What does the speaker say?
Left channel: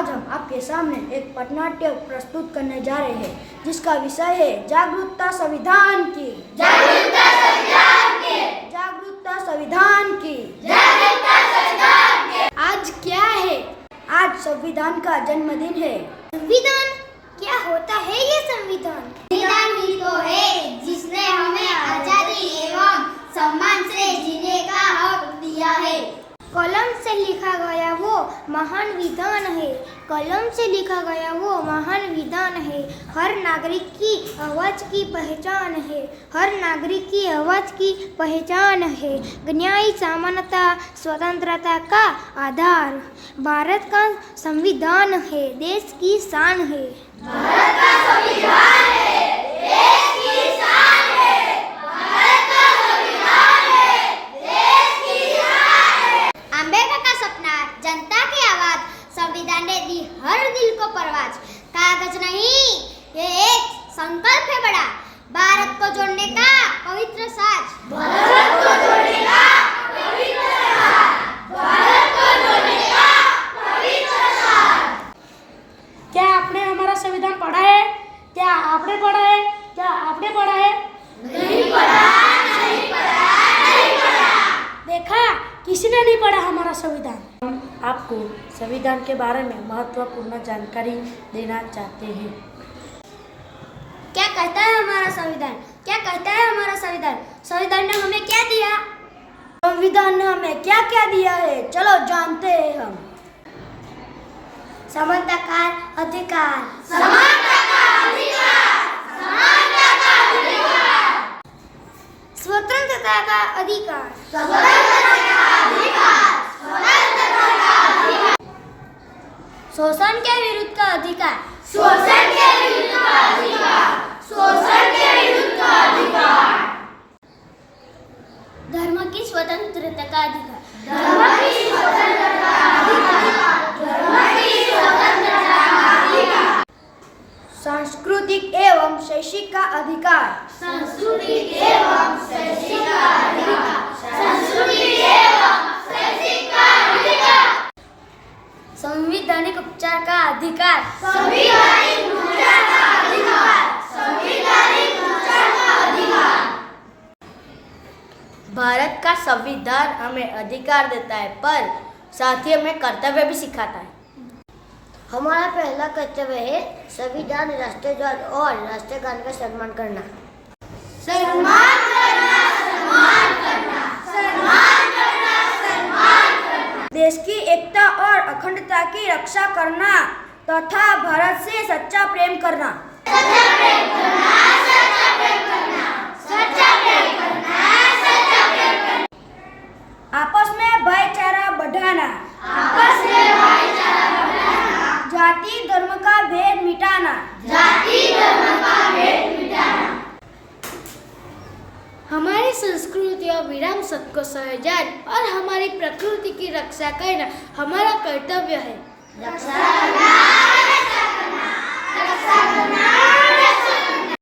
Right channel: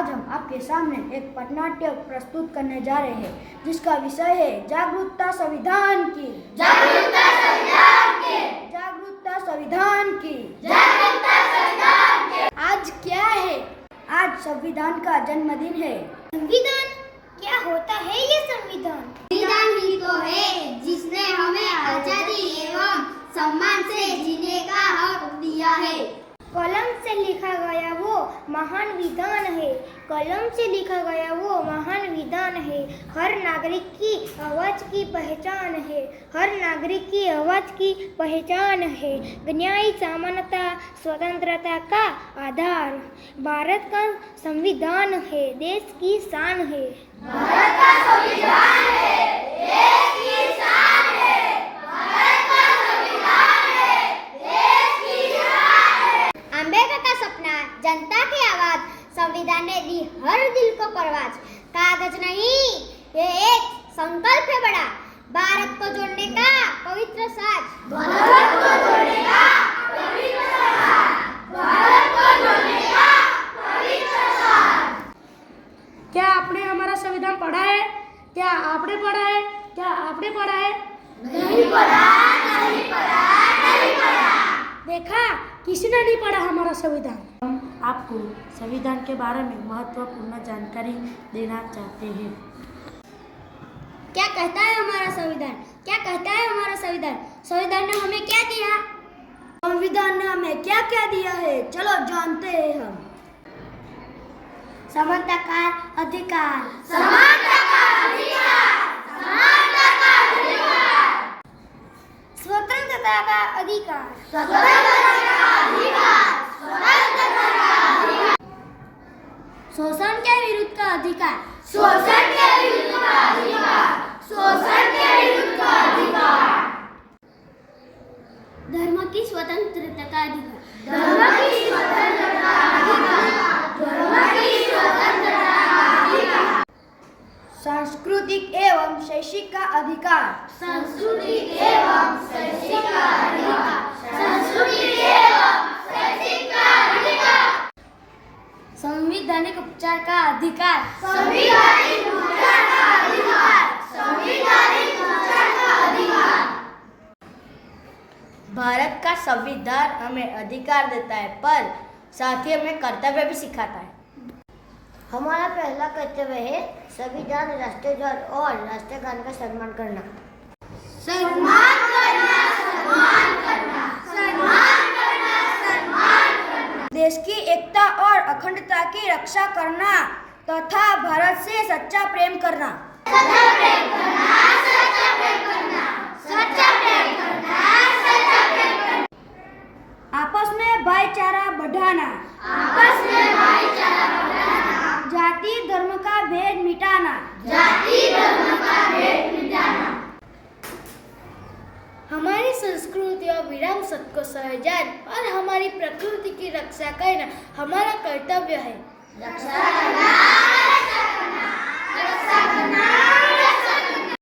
आज हम आपके सामने एक पटनाट्य प्रस्तुत करने जा रहे हैं जिसका विषय है जागरूकता संविधान की। जागरूकता संविधान की। जागरूकता संविधान की। जागरूकता संविधान की। आज क्या है? आज संविधान का जन्मदिन है। संविधान क्या होता है? ये संविधान ही तो है जिसने हमें आजादी एवं सम्मान से जीने का हक दिया है। कलम से लिखा गया वो महान विधान है। कलम से लिखा गया वो महान विधान है। हर नागरिक की आवाज़ की पहचान है। हर नागरिक की आवाज़ की पहचान है। न्याय, समानता, स्वतंत्रता का आधार भारत का संविधान है। देश की शान है। भारत का संविधान है। देश की शान है। भारत का संविधान है। देश की शान है। आंबेडकर का सपना, जनता की आवाज, संविधान ने दी हर दिल को परवाज। कागज नहीं, ये एक संकल्प है बड़ा, भारत को जोड़ने का पवित्र साज। भारत को जोड़ने का पवित्र साज। भारत को जोड़ने का पवित्र साज। क्या आपने हमारा संविधान पढ़ा है? क्या आपने पढ़ा है? क्या आपने पढ़ा है? नहीं पढ़ा, नहीं पढ़ा, नहीं पढ़ा। देखा, किसी ने नहीं पढ़ा हमारा संविधान। हम आपको संविधान के बारे में महत्वपूर्ण जानकारी देना चाहते हैं। क्या कहता है हमारा संविधान? क्या कहता है हमारा संविधान? संविधान ने हमें क्या दिया? संविधान ने हमें क्या क्या दिया है, चलो जानते हैं हम। समानता का अधिकार, समानता का अधिकार। समानता का अधिकार। स्वतंत्रता का अधिकार, स्वतंत्रता का अधिकार। स्वतंत्रता का अधिकार। शोषण के विरुद्ध का अधिकार, शोषण के विरुद्ध का अधिकार। शोषण के विरुद्ध का अधिकार। धर्म की स्वतंत्रता का अधिकार, धर्म की स्वतंत्रता का अधिकार। धर्म की स्वतंत्रता का अधिकार। सांस्कृतिक एवं शैक्षिक का अधिकार, सांस्कृतिक एवं शैक्षिक का अधिकार। सांस्कृतिक एवं शैक्षिक का अधिकार। संवैधानिक उपचार का अधिकार, संवैधानिक उपचार का अधिकार। संवैधानिक उपचार का अधिकार। भारत का संविधान हमें अधिकार देता है पर साथ ही हमें कर्तव्य भी सिखाता है। हमारा पहला कर्तव्य है संविधान, राष्ट्रीय ध्वज और राष्ट्रीय गान का सम्मान करना। सम्मान करना, सम्मान करना, सम्मान करना, सम्मान करना। देश की एकता और अखंडता की रक्षा करना तथा भारत से सच्चा प्रेम करना। सच्चा प्रेम करना, सच्चा प्रेम करना, सच्चा प्रेम करना, सच्चा प्रेम करना। आपस में भाईचारा बढ़ाना, आपस में भाईचारा बढ़ाना। जाति धर्म का भेद मिटाना, जाति धर्म का भेद मिटाना। हमारी संस्कृति और विराम सत्य को सहजान और हमारी प्रकृति की रक्षा करना हमारा कर्तव्य है। रक्षा करना, रक्षा करना, रक्षा करना,